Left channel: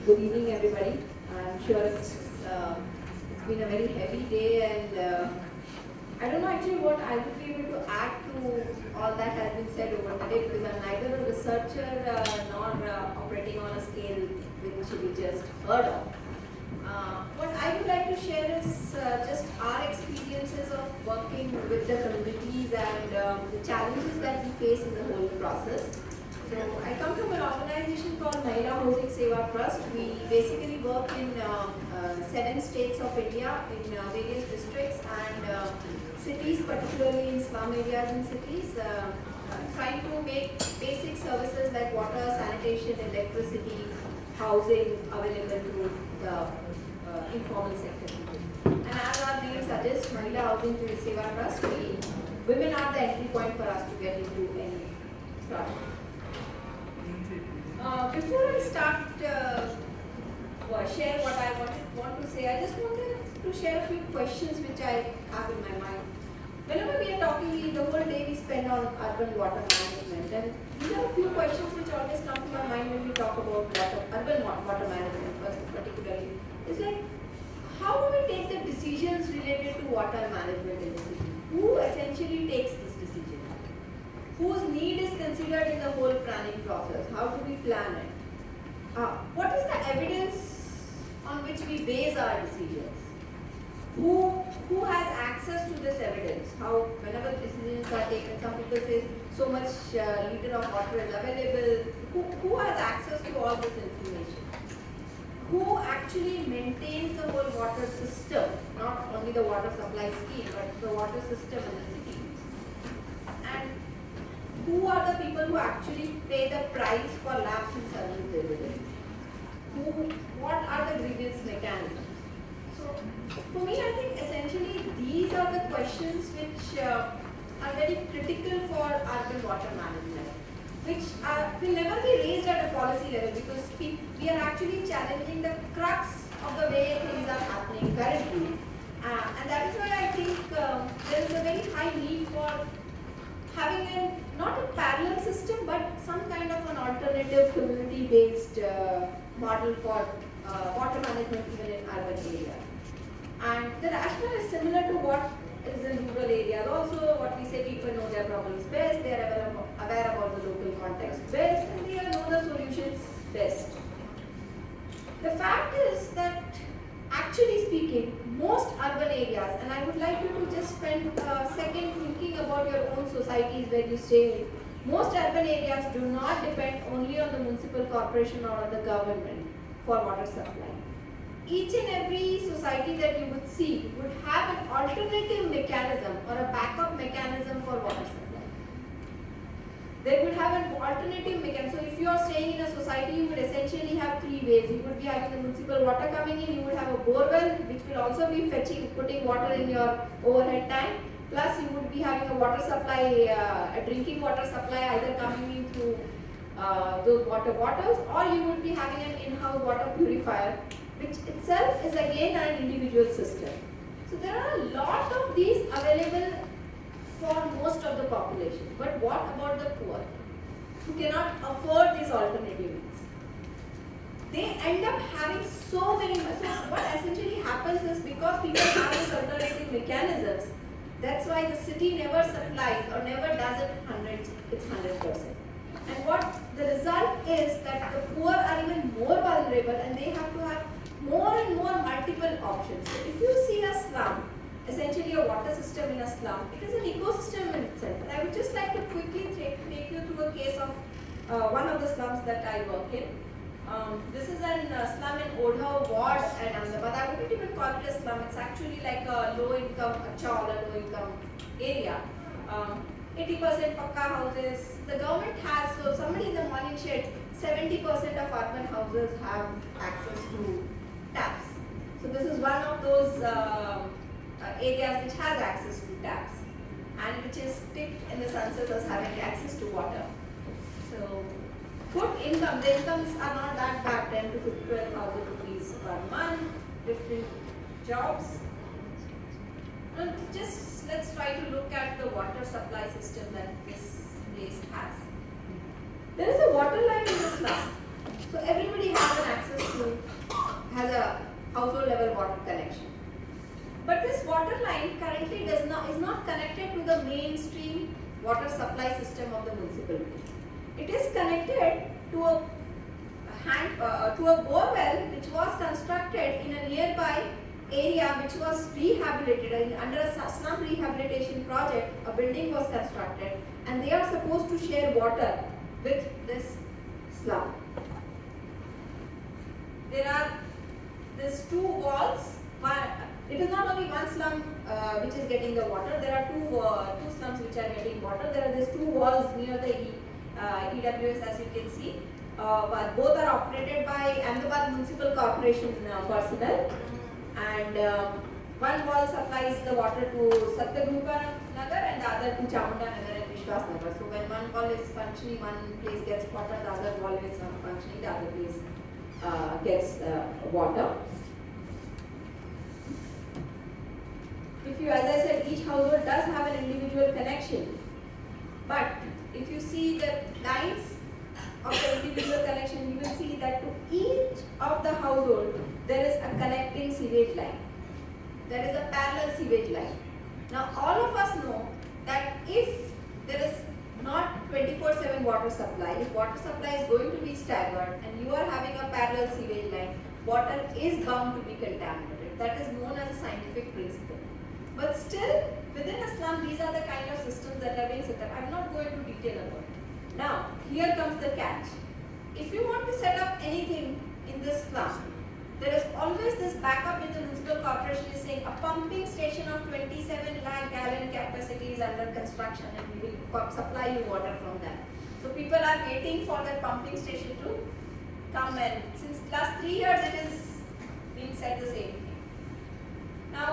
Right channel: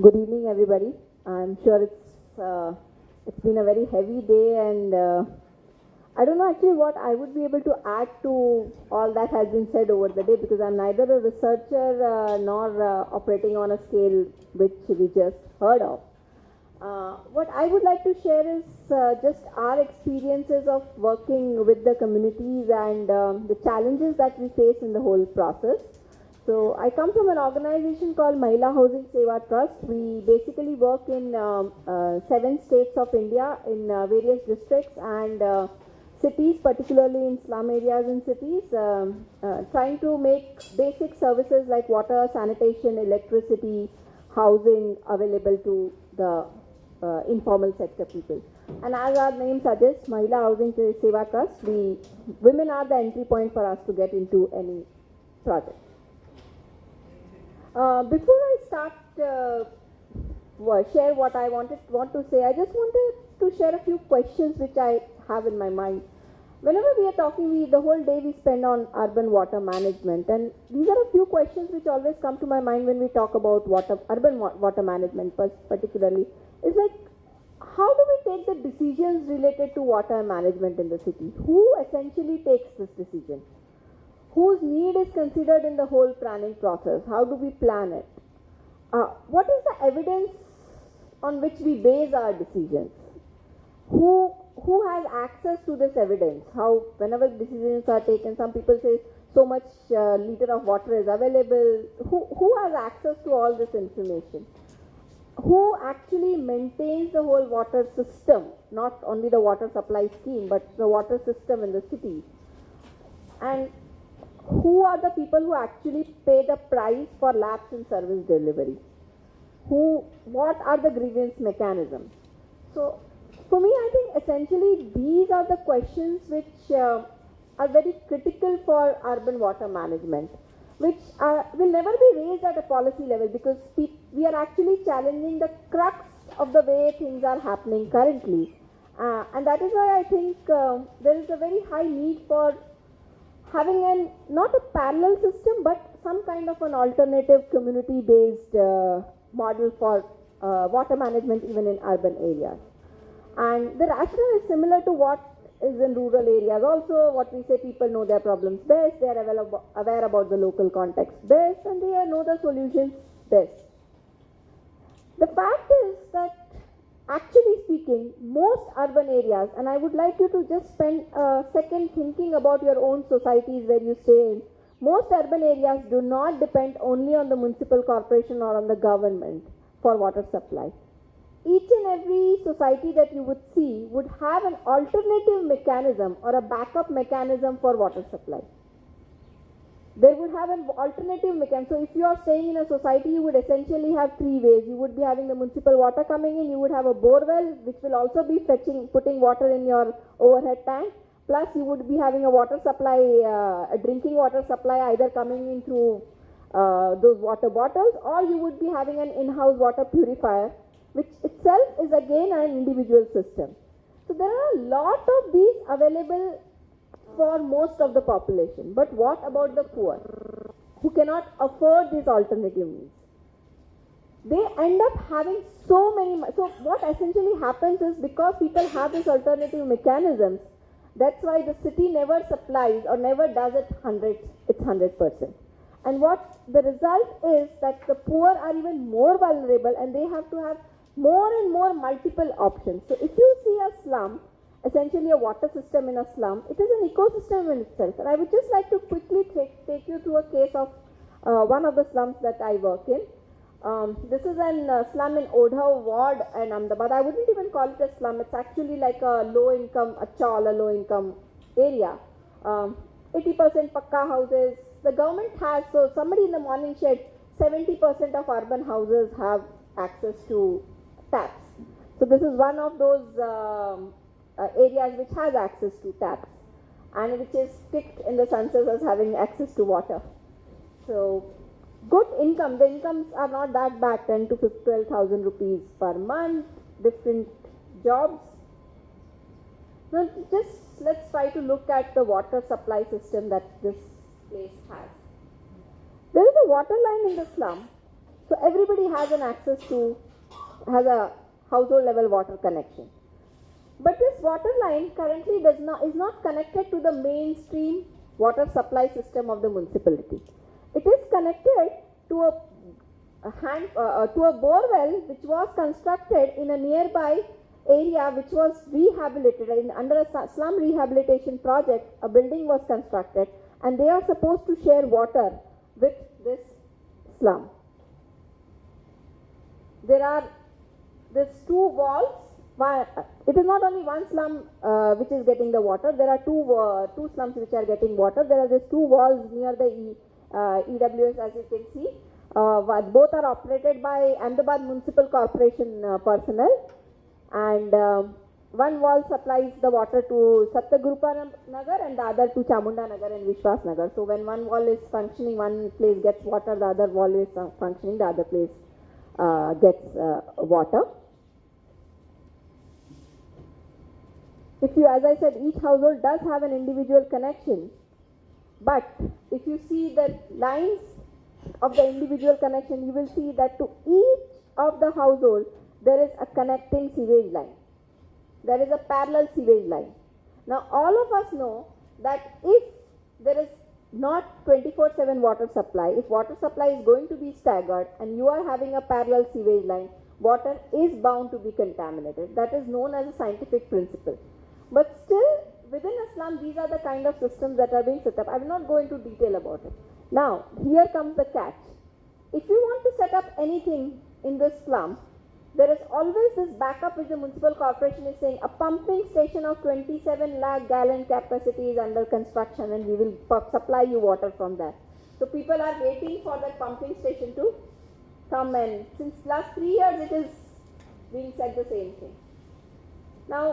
Good evening, everybody. I'm sure it's been a very heavy day, and I don't know actually what I would be able to add to all that has been said over the day, because I'm neither a researcher nor operating on a scale which we just heard of. What I would like to share is just our experiences of working with the communities and the challenges that we face in the whole process. So I come from an organization called Mahila Housing Seva Trust. We basically work in 7 states of India in various districts and cities, particularly in slum areas and cities, trying to make basic services like water, sanitation, electricity, housing available to the informal sector people. And as our name suggests, Mahila Housing Seva Trust, women are the entry point for us to get into any project. Before I start share what I want to say, I just wanted to share a few questions which I have in my mind. Whenever we are talking, the whole day we spend on urban water management, and these are a few questions which always come to my mind when we talk about urban water management particularly. It's like, how do we take the decisions related to water management in the city? Who essentially takes this decision? Whose need is considered in the whole planning process? How do we plan it? What is the evidence on which we base our decisions? Who has access to this evidence? How, whenever decisions are taken, some people say so much liter of water is available. Who has access to all this information? Who actually maintains the whole water system, not only the water supply scheme, but the water system in the city? And who are the people who actually pay the price for lapse in service delivery? What are the grievance mechanisms? So, for me, I think essentially these are the questions which are very critical for urban water management, which will never be raised at a policy level, because we are actually challenging the crux of the way things are happening currently. And that is why I think there is a very high need for having not a parallel system, but some kind of an alternative community-based model for water management even in urban areas. And the rationale is similar to what is in rural areas. Also, what we say, people know their problems best, they are aware about the local context best, and they know the solutions best. The fact is that, actually speaking, most urban areas, and I would like you to just spend a second thinking about your own societies where you stay, most urban areas do not depend only on the municipal corporation or on the government for water supply. Each and every society that you would see would have an alternative mechanism or a backup mechanism for water supply. They would have an alternative mechanism. So if you are staying in a society, you would essentially have 3 ways. You would be having the municipal water coming in, you would have a bore well, which will also be putting water in your overhead tank, plus you would be having a water supply, a drinking water supply either coming in through those water bottles, or you would be having an in-house water purifier, which itself is again an individual system. So there are a lot of these available for most of the population. But what about the poor, who cannot afford these alternative means? They end up having so many. So what essentially happens is, because people have these alternative mechanisms, that's why the city never supplies or never does it's 100%. And what the result is that the poor are even more vulnerable, and they have to have more and more multiple options. So if you see a slum, essentially a water system in a slum, it is an ecosystem in itself. And I would just like to quickly take you through a case of one of the slums that I work in. This is a slum in Odhav ward and Ahmedabad. I wouldn't even call it a slum, it's actually like a low-income area. 80% pakka houses. The government has, so somebody in the morning said 70% of urban houses have access to taps. So this is one of those areas which has access to taps, and which is ticked in the census as having access to water. So good income. The incomes are not that bad, 10 to 12,000 rupees per month, different jobs. Now just let's try to look at the water supply system that this place has. There is a water line in the slum. So everybody has an access to, has a household level water connection. But this water line currently is not connected to the mainstream water supply system of the municipality. It is connected to to a bore well which was constructed in a nearby area which was rehabilitated under a slum rehabilitation project. A building was constructed and they are supposed to share water with this slum. There's two walls. It is not only one slum which is getting the water. There are two slums which are getting water. There are these two walls near the EWS, as you can see. Both are operated by Ahmedabad Municipal Corporation personnel, and one wall supplies the water to Satyagurupa Nagar and the other to Chamunda Nagar and Vishwas Nagar. So when one wall is functioning, one place gets water, the other wall is functioning, the other place gets water. If you, as I said, each household does have an individual connection, but if you see the lines of the individual connection, you will see that to each of the household there is a connecting sewage line. There is a parallel sewage line. Now all of us know that if there is not 24/7 water supply, if water supply is going to be staggered and you are having a parallel sewage line, water is bound to be contaminated. That is known as a scientific principle. But still, within a slum, these are the kind of systems that are being set up. I will not go into detail about it. Now, here comes the catch. If you want to set up anything in this slum, there is always this backup which the municipal corporation is saying a pumping station of 27 lakh gallon capacity is under construction and we will supply you water from that. So people are waiting for that pumping station to come in. Since last 3 years it is being said the same thing. Now,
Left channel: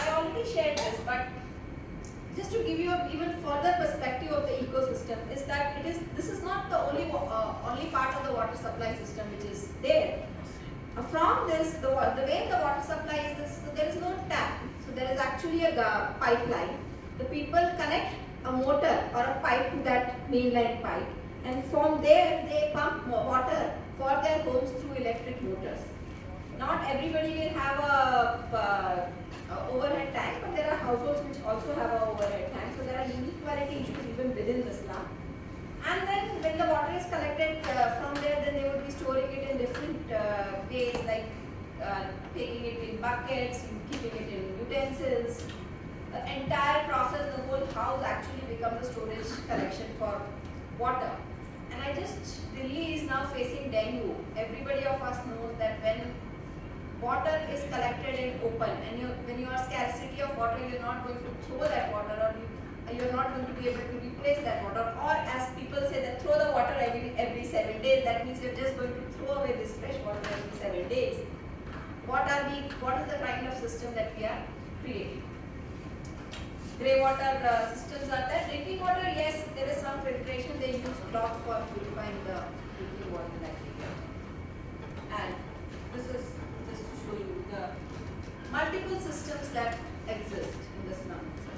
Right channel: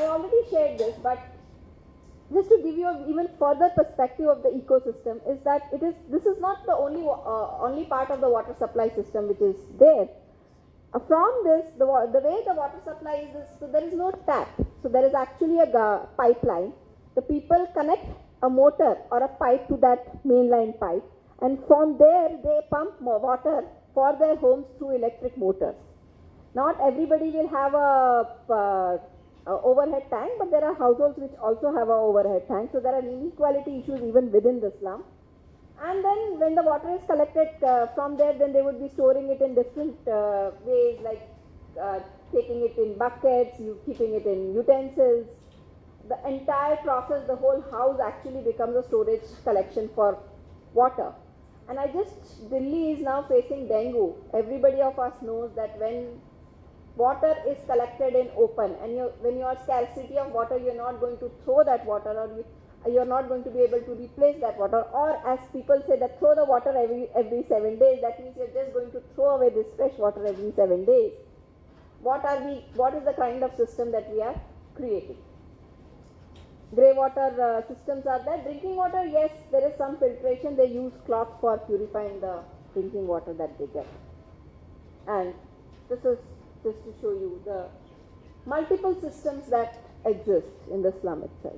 I already shared this, but just to give you an even further perspective of the ecosystem is that this is not the only part of the water supply system which is there. From this, the way the water supply is, so there is no tap. So there is actually a pipeline. The people connect a motor or a pipe to that mainline pipe, and from there they pump more water for their homes through electric motors. Not everybody will have a overhead tank, but there are households which also have an overhead tank. So there are inequality issues even within the slum. And then when the water is collected from there, then they would be storing it in different ways, like taking it in buckets, keeping it in utensils. The entire process, the whole house actually becomes a storage collection for water. And Delhi is now facing dengue. Everybody of us knows that when water is collected in open and when you are scarcity of water, you are not going to throw that water, or you are not going to be able to replace that water, or as people say that throw the water every 7 days, that means you are just going to throw away this fresh water every 7 days. What is the kind of system that we are creating? Grey water systems are there. Drinking water, yes, there is some filtration. They use cloth for purifying the drinking water that they get. And this is just to show you the multiple systems that exist in the slum itself.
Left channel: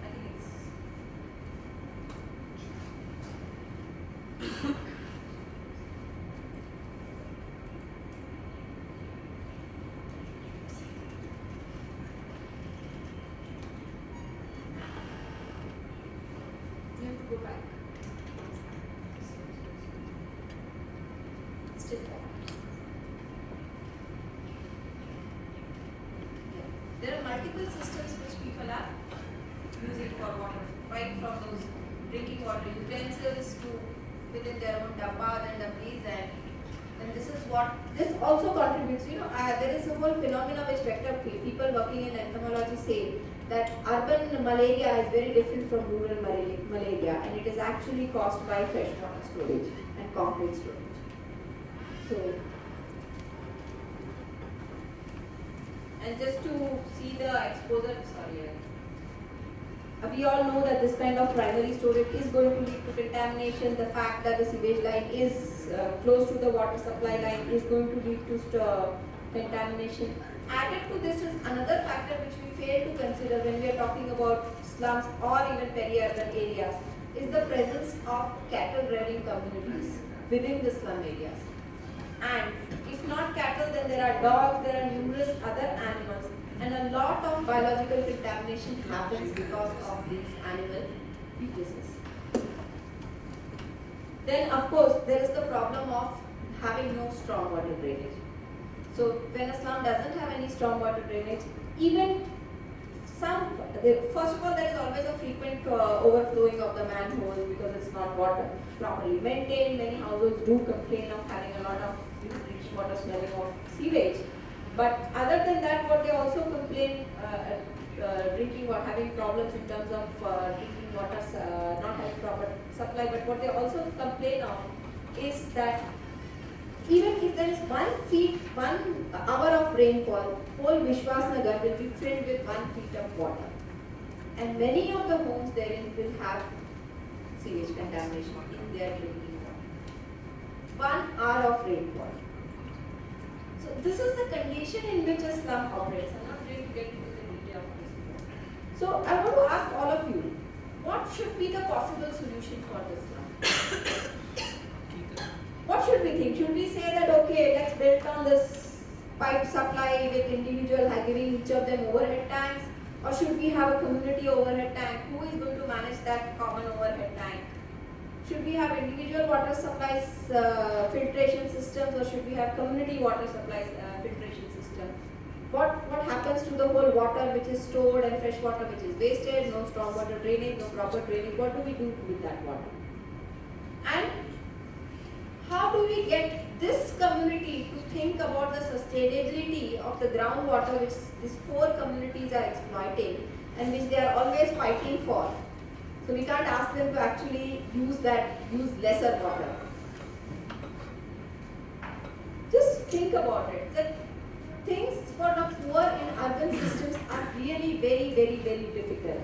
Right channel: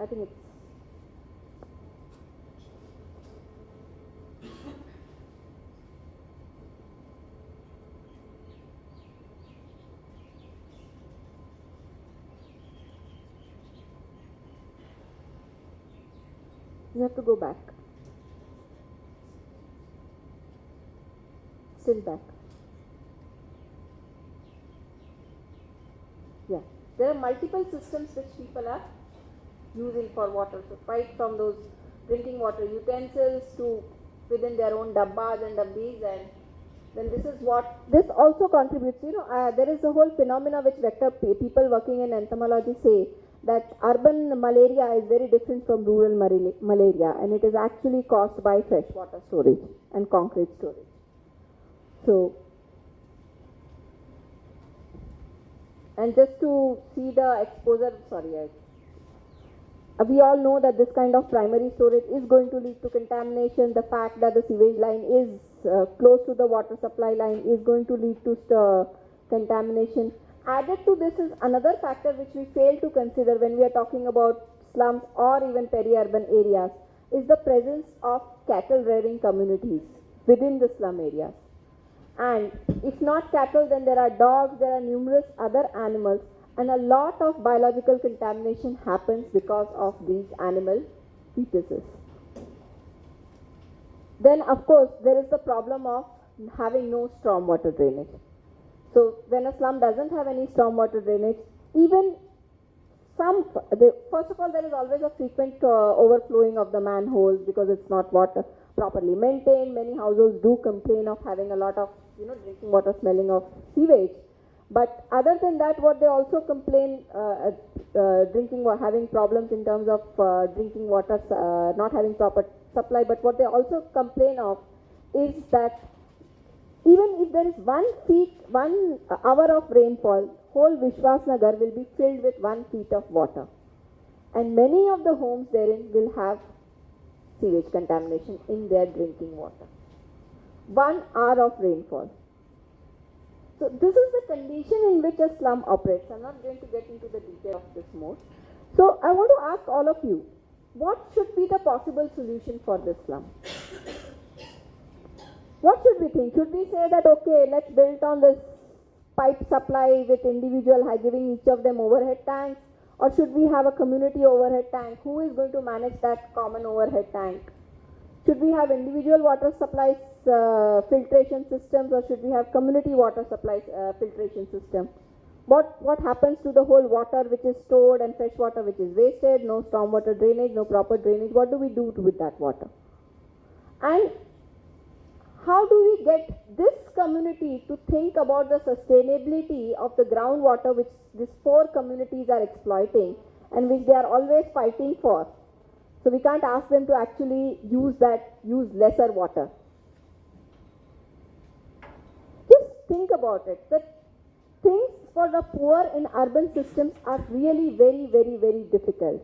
I think it's you have to go back. Still back. Yeah. There are multiple systems which people are using for water. So right from those drinking water utensils to within their own dabbas and dabbis, and then this also contributes. There is a whole phenomena which people working in entomology say that urban malaria is very different from rural malaria, and it is actually caused by freshwater storage and concrete storage. So, and just to see the exposure, we all know that this kind of primary storage is going to lead to contamination. The fact that the sewage line is close to the water supply line is going to lead to contamination. Added to this is another factor which we fail to consider when we are talking about slums or even peri-urban areas. is the presence of cattle rearing communities within the slum areas. And if not cattle, then there are dogs, there are numerous other animals, and a lot of biological contamination happens because of these animal fetuses. Then, of course, there is the problem of having no stormwater drainage. So, when a slum doesn't have any stormwater drainage, even first of all, there is always a frequent overflowing of the manholes because it's not water properly maintained. Many households do complain of having a lot of drinking water smelling of sewage. But other than that, what they also complain having problems in terms of drinking water, not having proper supply. But what they also complain of is that even if there is 1 hour of rainfall, whole Vishwasnagar will be filled with 1 feet of water. And many of the homes therein will have sewage contamination in their drinking water. 1 hour of rainfall. So this is the condition in which a slum operates. I'm not going to get into the detail of this more. So I want to ask all of you, what should be the possible solution for this slum? What should we think? Should we say that, okay, let's build on this pipe supply with individual giving each of them overhead tanks? Or should we have a community overhead tank? Who is going to manage that common overhead tank? Should we have individual water supplies filtration systems, or should we have community water supplies filtration system? What happens to the whole water which is stored and fresh water which is wasted, no stormwater drainage, no proper drainage? What do we do with that water? And how do we get this community to think about the sustainability of the groundwater which these 4 communities are exploiting and which they are always fighting for? So we can't ask them to actually use lesser water. Just think about it. That things for the poor in urban systems are really very, very, very difficult.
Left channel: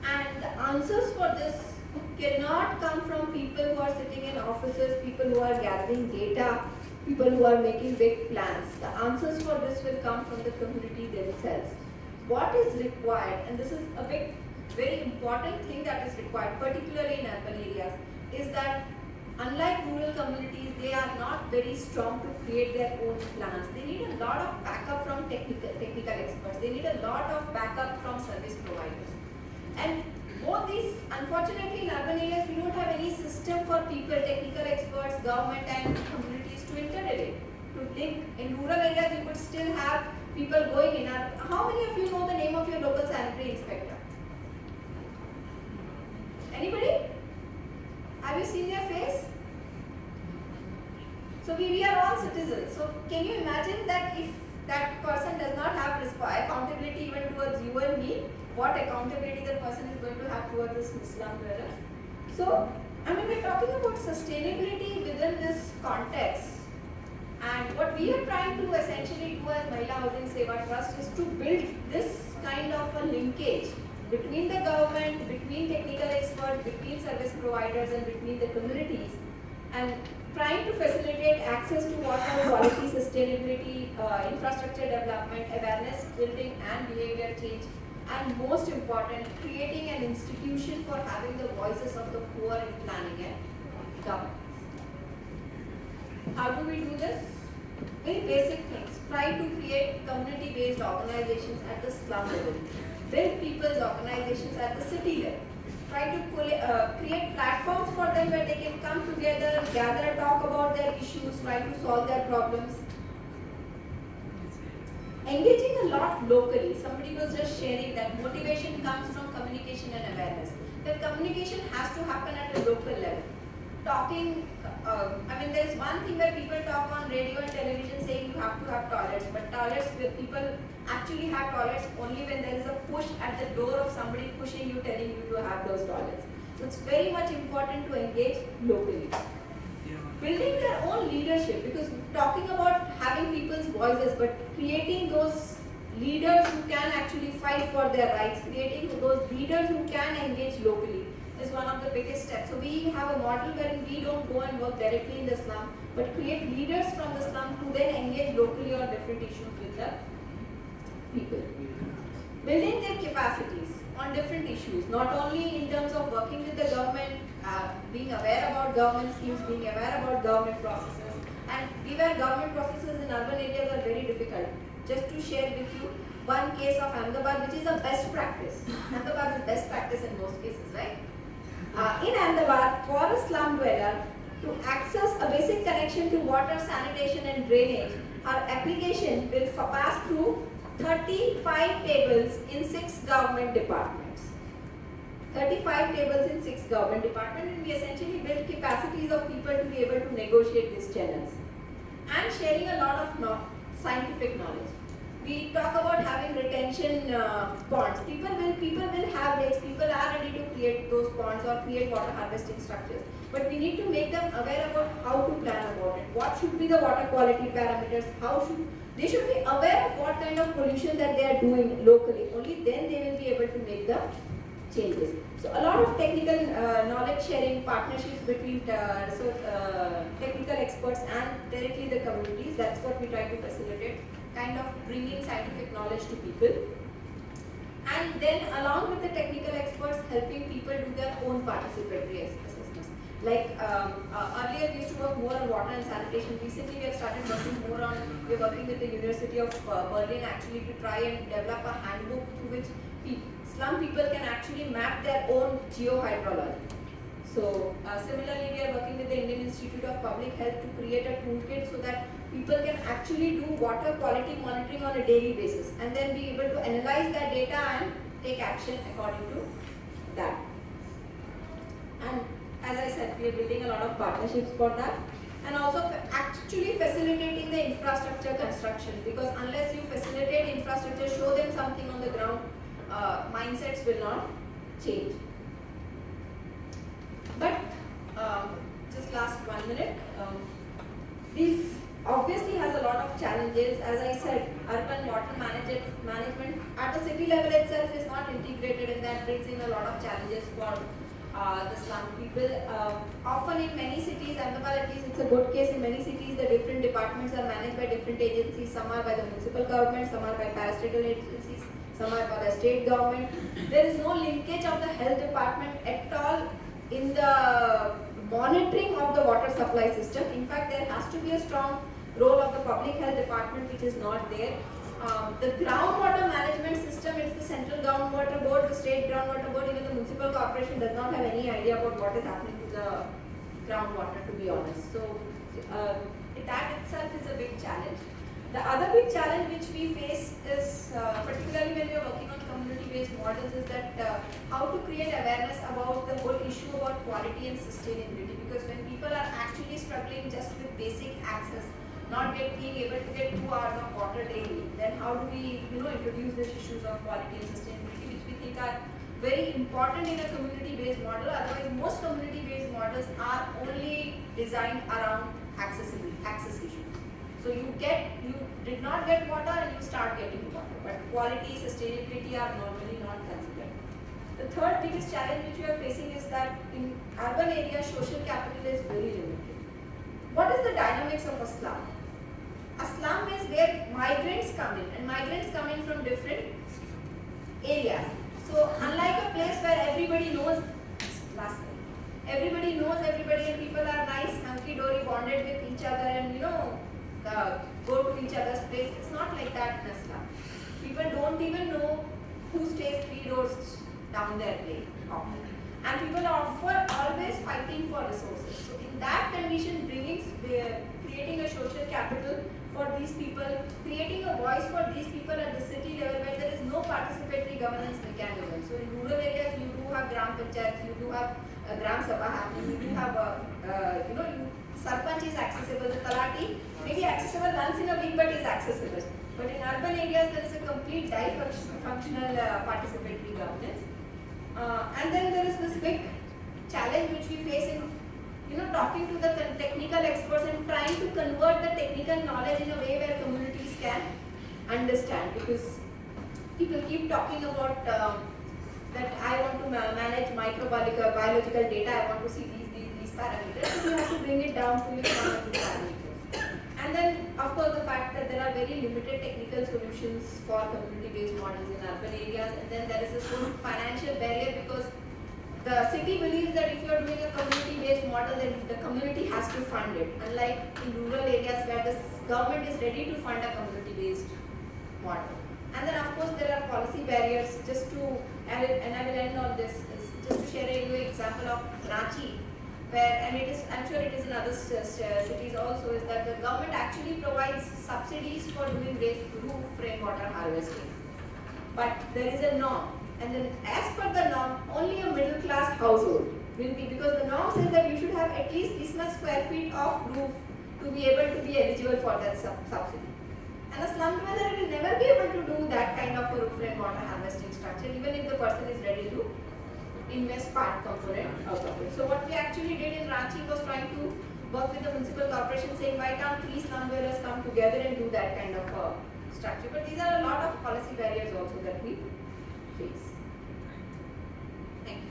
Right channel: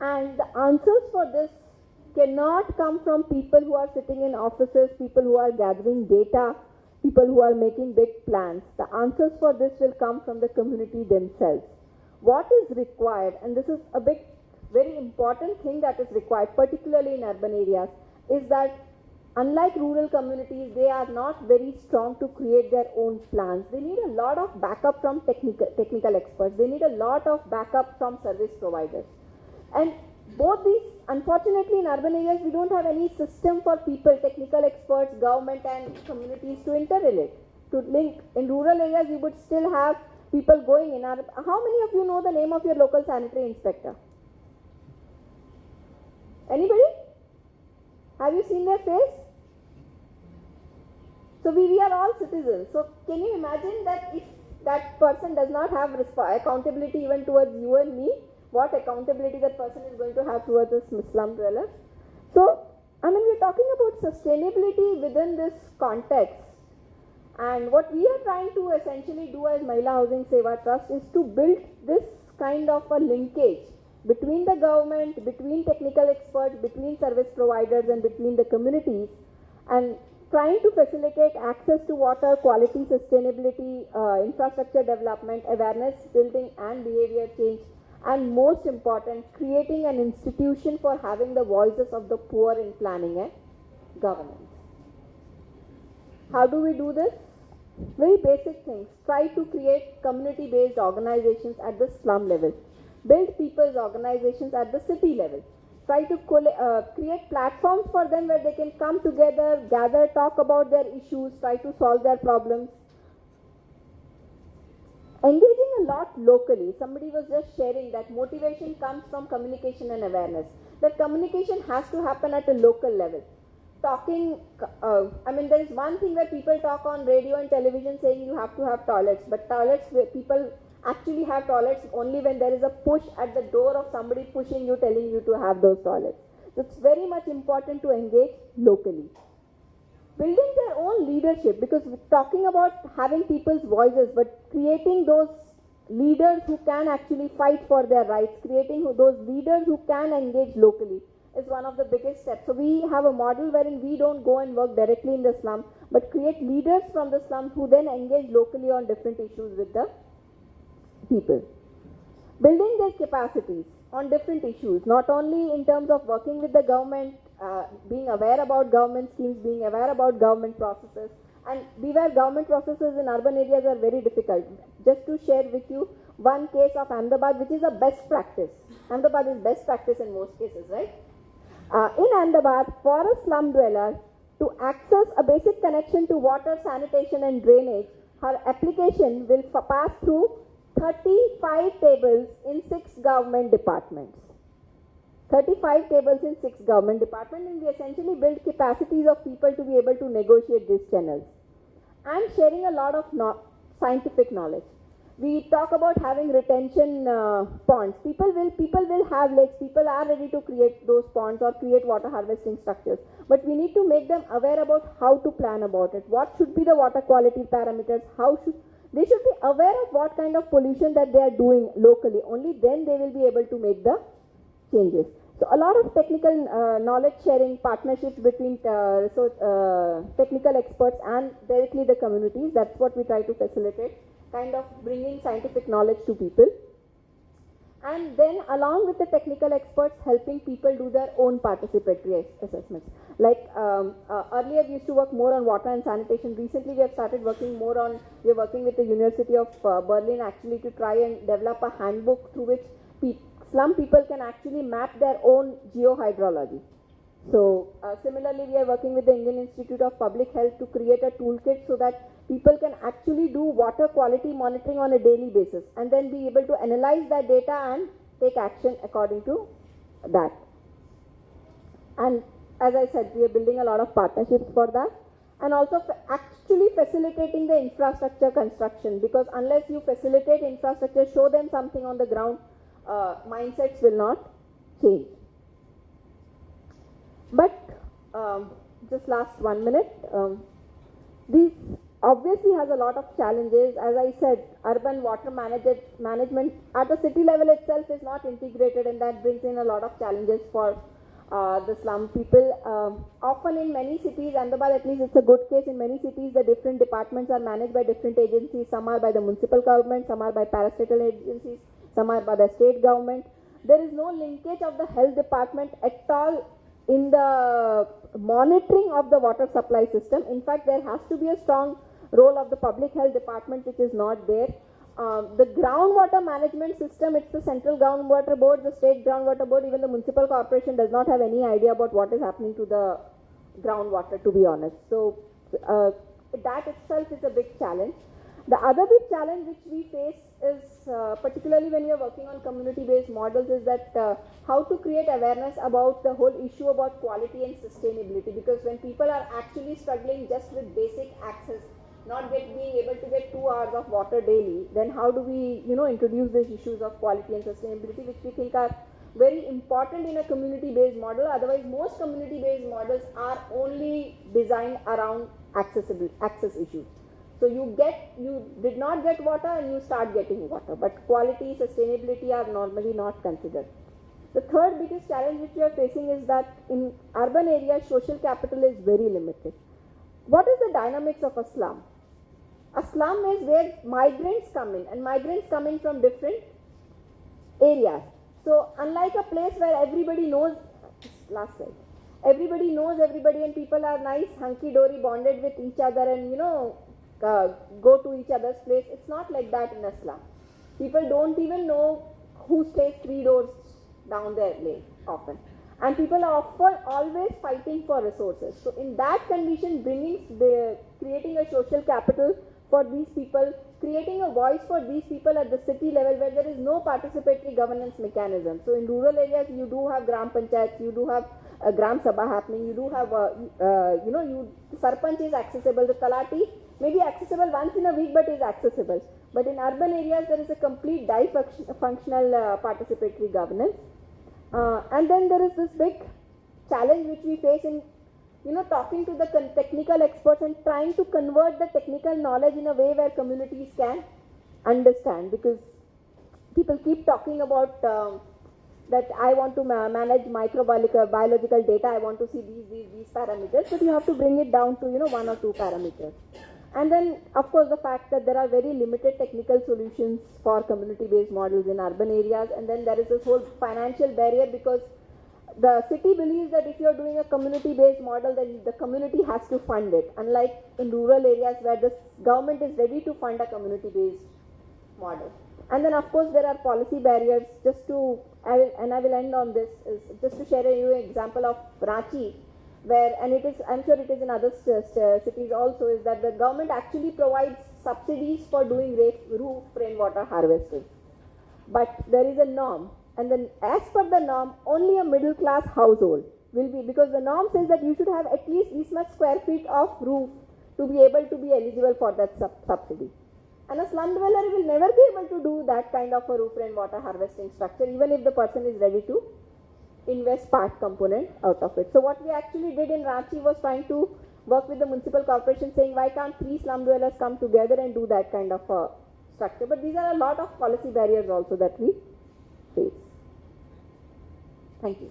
And the answers for this cannot come from people who are sitting in offices, people who are gathering data, people who are making big plans. The answers for this will come from the community themselves. What is required, and this is a very important thing that is required, particularly in urban areas, is that unlike rural communities, they are not very strong to create their own plans. They need a lot of backup from technical experts. They need a lot of backup from service providers. And both these, unfortunately, in urban areas, we don't have any system for people, technical experts, government and communities to interrelate, to link. In rural areas, we would still have people going in. How many of you know the name of your local sanitary inspector? Anybody? Have you seen their face? So we are all citizens. So can you imagine that if that person does not have accountability even towards you and me, what accountability that person is going to have towards this slum dwellers? So, we're talking about sustainability within this context. And what we are trying to essentially do as Mahila Housing Seva Trust is to build this kind of a linkage between the government, between technical experts, between service providers and between the communities, and trying to facilitate access to water, quality, sustainability, infrastructure development, awareness building and behavior change, and most important, creating an institution for having the voices of the poor in planning and governance. How do we do this? Very basic things. Try to create community-based organizations at the slum level. Build people's organizations at the city level. Try to create platforms for them where they can come together, gather, talk about their issues, try to solve their problems. Engaging a lot locally. Somebody was just sharing that motivation comes from communication and awareness. That communication has to happen at a local level. Talking, there is one thing where people talk on radio and television saying you have to have toilets, but toilets where people actually have toilets only when there is a push at the door of somebody pushing you, telling you to have those toilets. So it's very much important to engage locally. Building their own leadership, because we're talking about having people's voices, but creating those leaders who can actually fight for their rights, creating those leaders who can engage locally is one of the biggest steps. So we have a model wherein we don't go and work directly in the slum, but create leaders from the slum who then engage locally on different issues with the people. building their capacities on different issues, not only in terms of working with the government, being aware about government schemes, being aware about government processes, and beware government processes in urban areas are very difficult. Just to share with you one case of Ahmedabad, which is a best practice. Ahmedabad is best practice in most cases, right? In Ahmedabad, for a slum dweller to access a basic connection to water, sanitation, and drainage, her application will pass through 35 tables in 6 government departments. 35 tables in 6 government departments, and we essentially build capacities of people to be able to negotiate these channels. And sharing a lot of scientific knowledge. We talk about having retention ponds. People will have lakes. People are ready to create those ponds or create water harvesting structures. But we need to make them aware about how to plan about it. What should be the water quality parameters? They should be aware of what kind of pollution that they are doing locally. Only then they will be able to make the changes. So a lot of technical knowledge sharing, partnerships between technical experts and directly the communities. That's what we try to facilitate, kind of bringing scientific knowledge to people. And then along with the technical experts, helping people do their own participatory assessments. Like earlier we used to work more on water and sanitation. Recently we have started working more on, we're working with the University of Berlin actually to try and develop a handbook through which slum people can actually map their own geohydrology. So similarly, we are working with the Indian Institute of Public Health to create a toolkit so that people can actually do water quality monitoring on a daily basis and then be able to analyze that data and take action according to that. And as I said, we are building a lot of partnerships for that, and also actually facilitating the infrastructure construction, because unless you facilitate infrastructure, show them something on the ground, mindsets will not change. But just last 1 minute, this obviously has a lot of challenges. As I said, urban water management at the city level itself is not integrated, and that brings in a lot of challenges for the slum people. Often in many cities, Ahmedabad at least it's a good case, in many cities the different departments are managed by different agencies. Some are by the municipal government, some are by parastatal agencies, some are by the state government. There is no linkage of the health department at all in the monitoring of the water supply system. In fact, there has to be a strong role of the public health department, which is not there. The groundwater management system, it's the central groundwater board, the state groundwater board, even the municipal corporation does not have any idea about what is happening to the groundwater, to be honest. So that itself is a big challenge. The other big challenge which we face is, particularly when we are working on community-based models, is that how to create awareness about the whole issue about quality and sustainability. Because when people are actually struggling just with basic access, not being able to get 2 hours of water daily, then how do we, introduce these issues of quality and sustainability, which we think are very important in a community-based model. Otherwise, most community-based models are only designed around access issues. So you did not get water and you start getting water, but quality, sustainability are normally not considered. The third biggest challenge which we are facing is that in urban areas, social capital is very limited. What is the dynamics of a slum? A slum is where migrants come in, and migrants come in from different areas. So unlike a place where everybody knows everybody and people are nice, hunky-dory, bonded with each other, and go to each other's place, it's not like that in a slum. People don't even know who stays 3 doors down their lane often. And people are always fighting for resources. So in that condition, creating a social capital for these people, creating a voice for these people at the city level where there is no participatory governance mechanism. So in rural areas, you do have gram panchayats, you do have a gram sabha happening, you do have sarpanch is accessible, the talati may be accessible once in a week but is accessible. But in urban areas, there is a complete dysfunctional participatory governance. And then there is this big challenge which we face in talking to the technical experts and trying to convert the technical knowledge in a way where communities can understand, because people keep talking about that I want to manage biological data, I want to see these parameters, but you have to bring it down to 1 or 2 parameters. And then, of course, the fact that there are very limited technical solutions for community-based models in urban areas, and then there is this whole financial barrier because the city believes that if you are doing a community-based model, then the community has to fund it, unlike in rural areas where the government is ready to fund a community-based model. And then, of course, there are policy barriers. I will end on this, is just to share a example of Ranchi, where, and it is, I'm sure it is in other cities also, is that the government actually provides subsidies for doing roof rainwater harvesting. But there is a norm, and then as per the norm, only a middle class household will be, because the norm says that you should have at least this much square feet of roof to be able to be eligible for that subsidy. And a slum dweller will never be able to do that kind of a roof rainwater harvesting structure, even if the person is ready to invest part component out of it. So what we actually did in Ranchi was trying to work with the municipal corporation, saying why can't 3 slum dwellers come together and do that kind of a structure. But these are a lot of policy barriers also that we face. Thank you.